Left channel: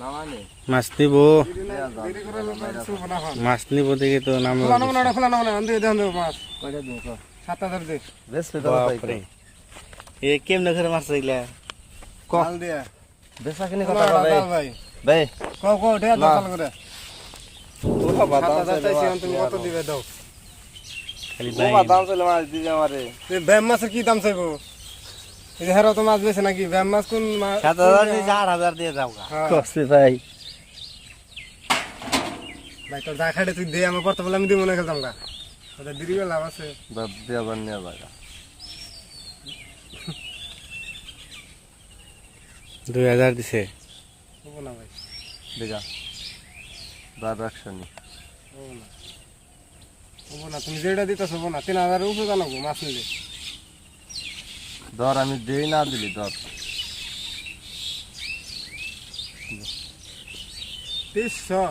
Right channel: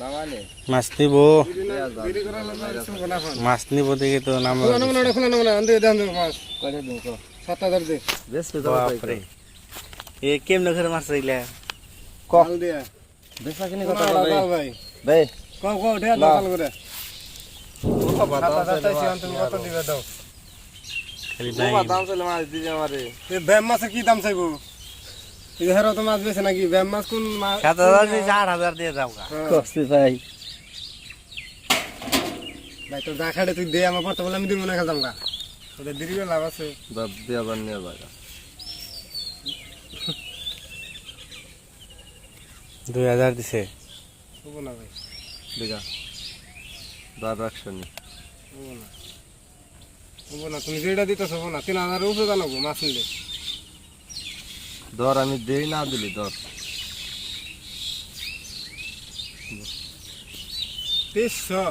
নামানে মাছ নিব মাছ নিব দেখে তো নাম কয়টা দিন কো বেশ বাপরে এ কেমনে করে মাছ রইলা বেশা কিনে কথা কবে ভাই খালি ও ভাই দাম চলে মাছ দিবে আমারে ব্যাম মাছের কি দাম চাইবো তো মাছ বেছে নাকি ব্যায়াম মাছ কোন সাত হাজার চার হাজার দিয়ে যাও হ্যাঁ। ভাই তুই দে আমার আমি দিব না খেতাম না তোদের দেরি করে লাভ আছে আবার নিয়ে দুই হাজার দিছে হবো না ভাই বিঘা বার রাখছো নি হবো না হবো না তুমি যেটা দিতে হবো না তিন হাজার উপরে জানাবো মাছ নিলে দর আমি দেই না দিলি দর তিনশো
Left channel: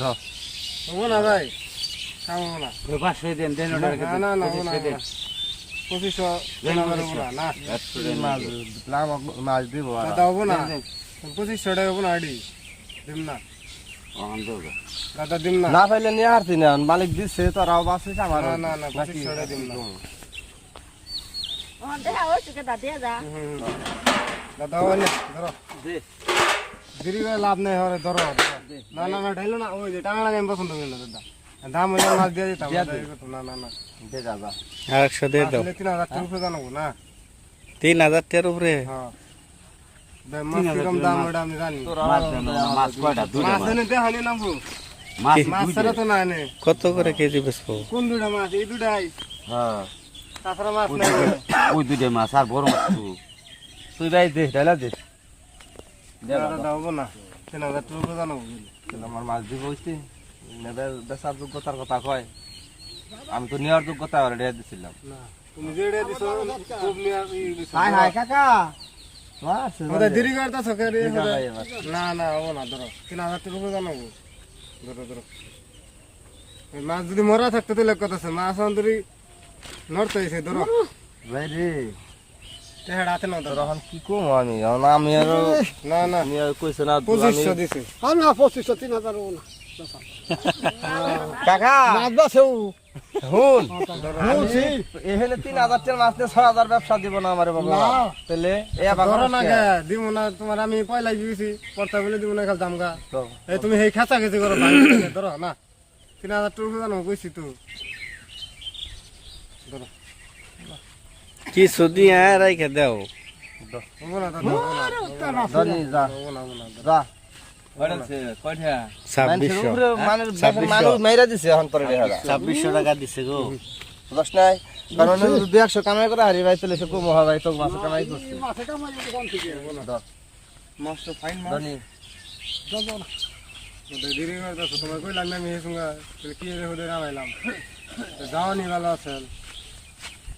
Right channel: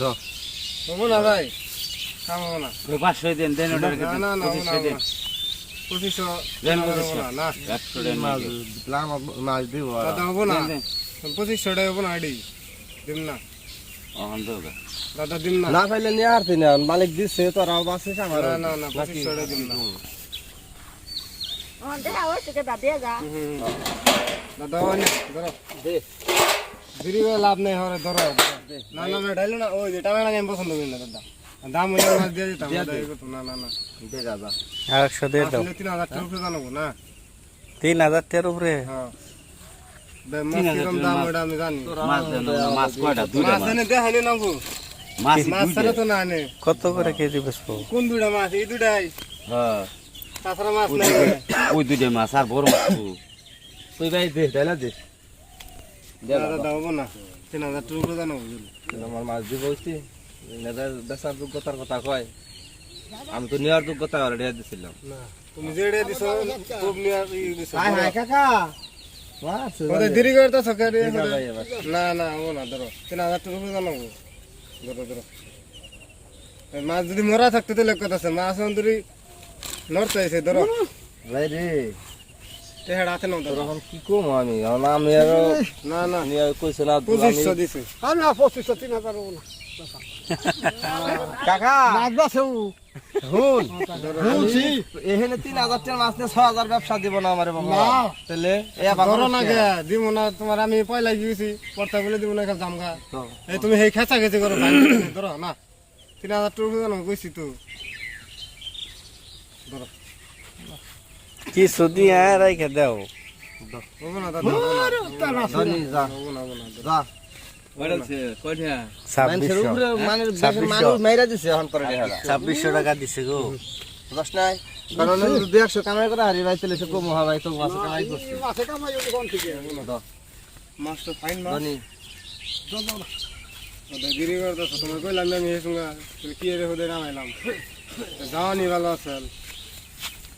দর হবো না ভাই কাম হবো না ওই পাঁচশো দেন দেন অর্ডার করে না না না দেন পঁচিশশো দেন পঁচিশশো না একশো দেন মাছ প্লাম মাছ দিব দাদা হবো না পঁচিশশো মালিক দিচ্ছে তো রাও আমার না না পঁচিশশো টাকা না লাভ নাই দাম হইলে মাছ দিয়ে দিতাম না না না তিন হাজার টাকার উপরে জানাবো না তিন হাজার টাকার উপরে হ্যাঁ কত করে কেজি বেসবো কোন দুটা মাছ এই দুটাই হ্যাঁ তাছাড়া মাছ নাই ওই দুইটা মাছ আর বড় মাছ তুই ভাই দে ডাইলা দে দাদা দাও না তিন হাজার টাকা জানো আমার মাছ দিব হইছি নেদার বেচার যোগ্যতার কথা কয় আমি তো নেওয়ার যোগ্যতা আর রেড দিছিলাম তুমি যে রেড না না ও না ধরো তিন হাজার টাকা জানো ধরো ধরো মাছ যদি মরা থাকতো তাহলে কথা আছে মাছ অন্তরি লড়তেছে ধরো ভাই রে পঁচিশশো তিন হাজার এখানে তিন হাজার টাকা মাছ দিয়ে ছয় হাজার ব্যবসা দিব না আমার বাবা না দিব না তোমার আমি পয়লা দিয়েছি পর্তা বলে দিব না জামগা তুমি সেই খেঁচা খেঁচি করো ধরো না তিন হাজার টাকা জানো কইছি তো কি সুদি হ্যাঁ রাইখে দাও ছাব্বিশশো টাকা দিছে গো দশ নাই কারণ দু একশো কামাই করে হারিয়ে ভাই চলেছে কো মহামারী তো মাছ কামাই করছে মাছে কামাই যদি কম থেকে মাছ তো ফাইন মাছ জানি দাও না দেরি করে দাও তোমার কইলাম আমি হেসুঙ্গা কি ভালো আছে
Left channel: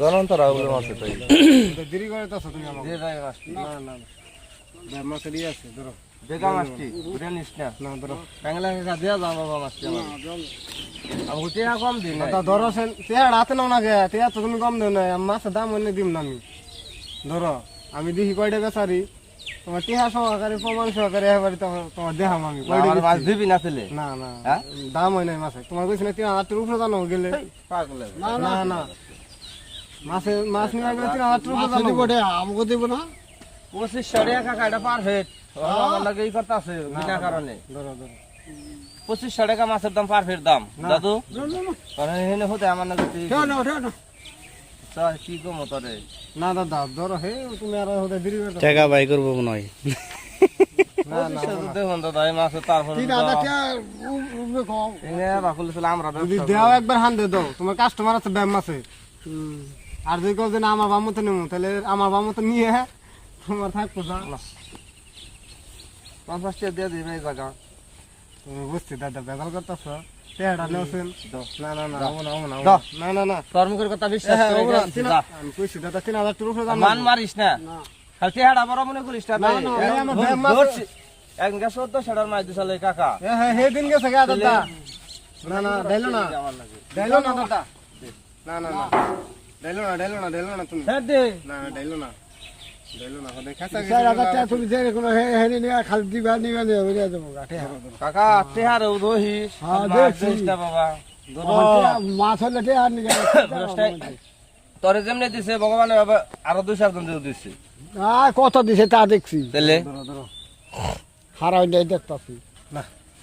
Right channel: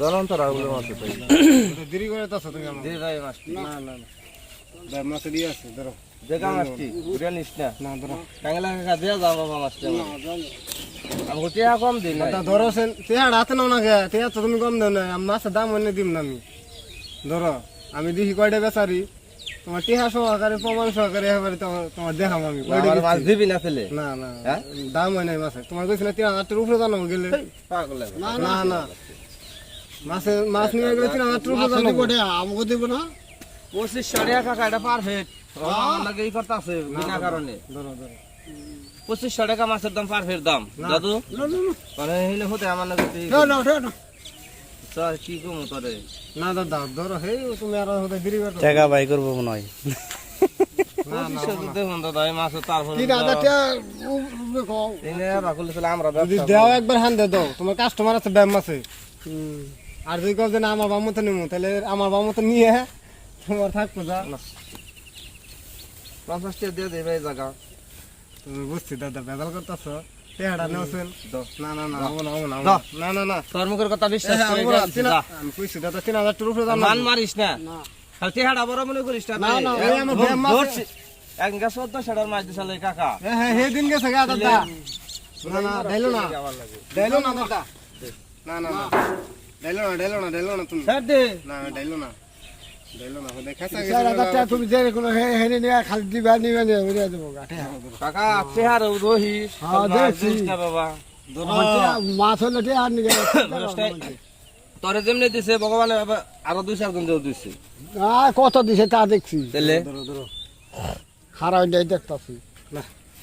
জ্বলন্ত রাহুল মাছ পাই দেরি করে তো তুমি আমাকে দেরি যায় মাছ না না না মাছ দিয়ে আছে ধরো দেখা মাছ কি ঘুরে নিস না না ধরো টাঙ্গলা কাকা দিয়া যা বাবা মাছ না আমাকে টিয়া কম দিন না ধরো সে টিয়া হাতে নাও না গে টিয়া তো তুমি কম দেও না মাছের দাম অন্য দিম না আমি ধরো আমি দেখি কয়টা বেচারি তোমার টিহা সহকারে প্রমাণ সহকারে এবারে তোমার দেখাম আমি মাছ দিবি না ছেলে না না হ্যাঁ? দাম হয় নাই মাছ তোমার কইছিল টিহা হাতের উপরে জানো গেলে না না মাছ মাছ নিয়ে গেলে তিন হাজার টাকা আমাকে দেব না পঁচিশ সরিয়া কাকা এটা পারফেক্ট হ্যাঁ? লাগে এই কথা আছে বিনা কারণে ধরো ধরো পঁচিশশো টাকা মাছের দাম পারফেক্ট দাম দাদু মানে হতে আমার না কি কম তরে না দাদা ধরো হে তুমি আর হতে দেরি করো টাকা বাই করবো মনে হয় আমরা তোমার কাস্টমার আছে ব্যায়াম আছে আর যদি কবে না আমার বামতো নেবো তাহলে আমার বামতো নিয়ে তোমার থাকতো না দিয়ে দেবে এই জায়গা তুমি বুঝছি দাদা বেজাল করতেছ পেহাড়া না না না না মান মারিস না এক গেছ তো সেটার দিছালে কাকা হ্যাঁ হ্যাঁ দিন না না না ডাইলো তরে যেমনি দিছে ভগবানের বাবা আরো দুই চারজন দিছে কত দিছে তা দেখছি খারাপ দেখতেছি না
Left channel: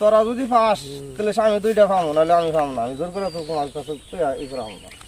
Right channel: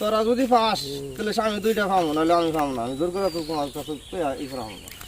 তোরা যদি পাস তাহলে আমি দুইটা পাবো নাহলে আমি পাবো না আমি জোর করে তোমার কাছে ই করাবো না